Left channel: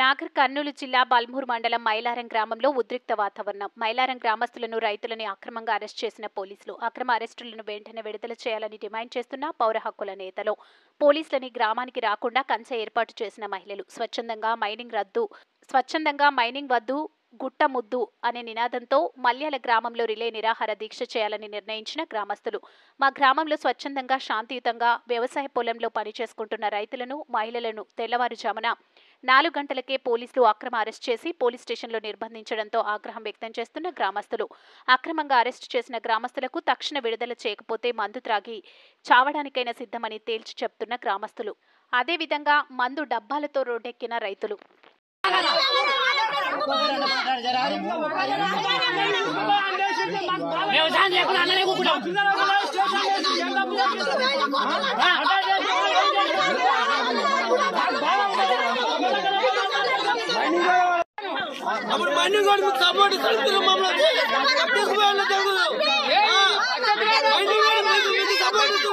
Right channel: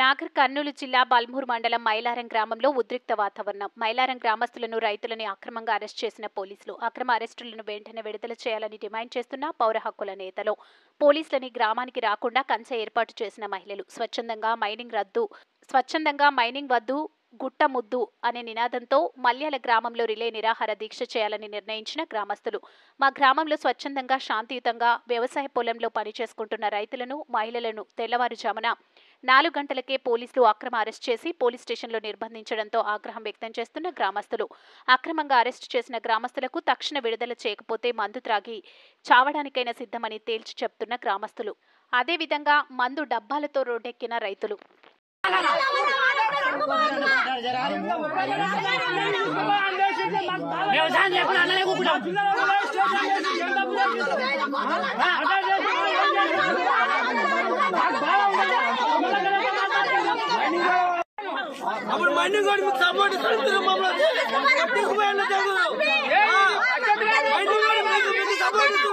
నాగర్ కర్నూలు జిల్లా బల్మూరు మండలం మైలారం గ్రామంలో ఉద్రిక్త వాతావరణం. మైలారం గ్రామస్తులను, రైతులని అక్రమంగా అరెస్ట్ చేసిన పోలీసులు. అక్రమ అరెస్టులను వెంటనే విడుదల చేయాలని డిమాండ్ చేస్తున్న పౌర హక్కుల నేతలు. పోలీసులని గ్రామానికి రాకుండా కంచె ఏర్పాటు చేసిన మహిళలు. స్వచ్ఛందంగా మైనింగ్ వద్దు, గుట్ట ముద్దు అనే నినాదంతో మల్యాల గ్రామంలో రిలే నిరాహార దీక్ష చేయాలని నిర్ణయించిన గ్రామస్తులు. మా గ్రామంలో స్వచ్ఛందంగా, శాంతియుతంగా వ్యవసాయ పొలంలో పనిచేసుకుంటున్న రైతులను, మహిళలను తెల్లవారుజామున 4 గంటలకే పోలీసులు అక్రమ అరెస్ట్ చేసి పోలీస్ స్టేషన్లో నిర్బంధించడంతో ఆగ్రహం వ్యక్తం చేస్తున్న గ్రామస్తులు. అక్రమంగా అరెస్టు చేసిన గ్రామస్తులకు తక్షణ విడుదల చేయకపోతే మందు త్రాగి చావడానికైనా సిద్ధమని తేల్చి చెప్తున్న గ్రామస్తులు. అదేవిధంగా మందు డబ్బాలతో రోడ్డెక్కిన రైతులు. అప్పుడు మైనింగ్ వాడికి సపోర్ట్ ఇస్తారు మమ్మల్ని మైనింగ్ వాడి మీకు సపోర్ట్ ఇస్తుంది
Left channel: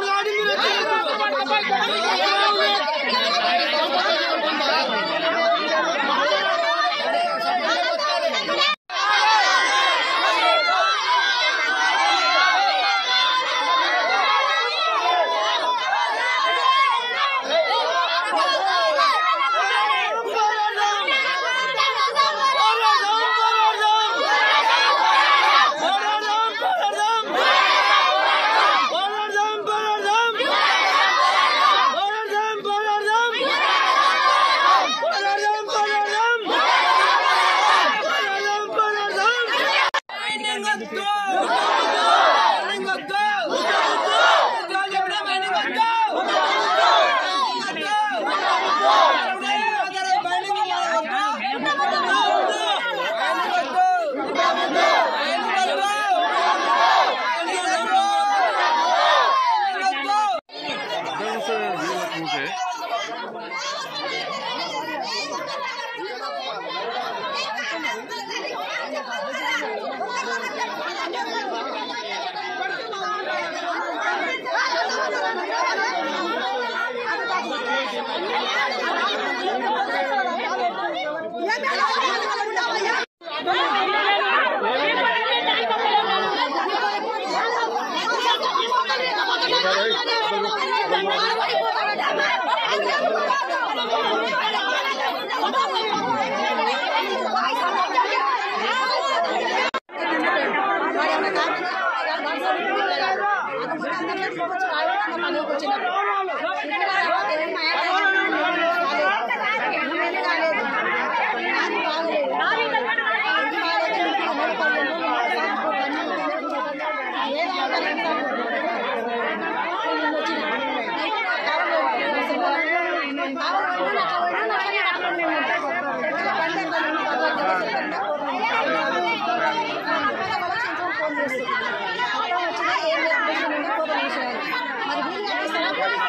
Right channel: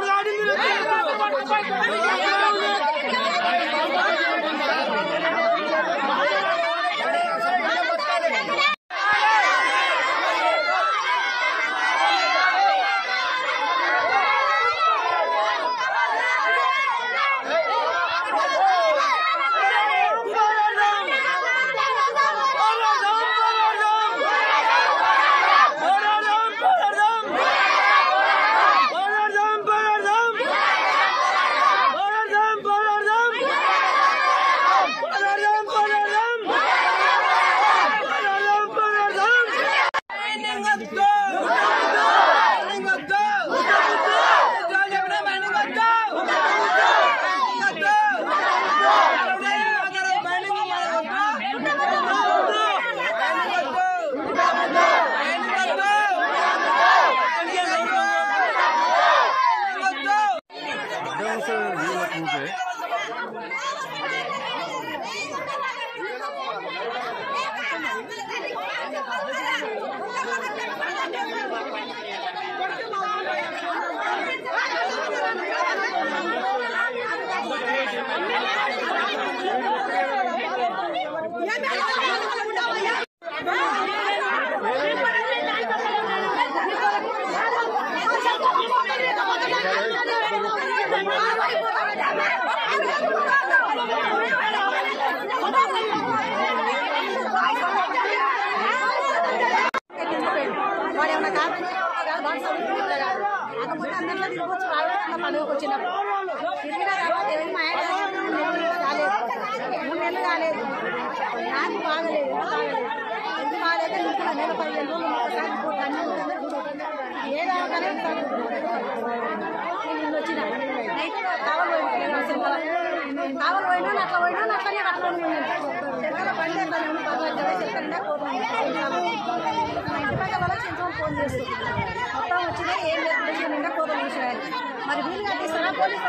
మరి వీళ్ళు కట్టిస్తారా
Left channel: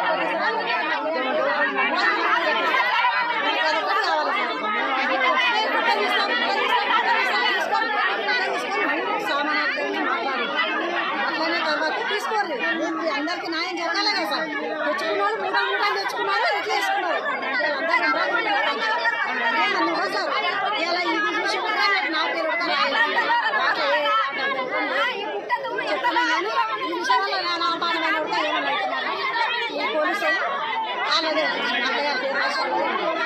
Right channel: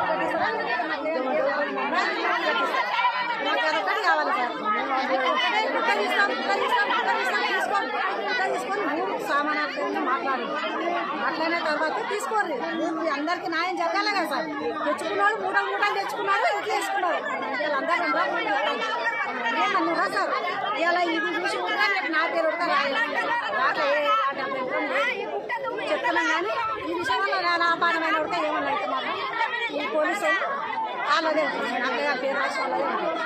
సామాన్యులు మాట్లాడిన తర్వాత తీసుకోరు. అందరికి న్యాయం జరగాలి కదా సార్. తెచ్చుకున్నారు, మూడాలు తెచ్చుకున్నారు, ఇట్లా వేసుకున్నారు. అందరూ సార్ ఇలా ఇది చూసి కూడా నా పేరు చెప్తున్నాం. కానీ ఈ విషయం వల్ల నా అపానమైన కూడా ఏమన్నా అవుతున్నాను. ఈ పోలీసులు వాళ్ళదే అత్తగారి పేరు రాసుకోవాలి.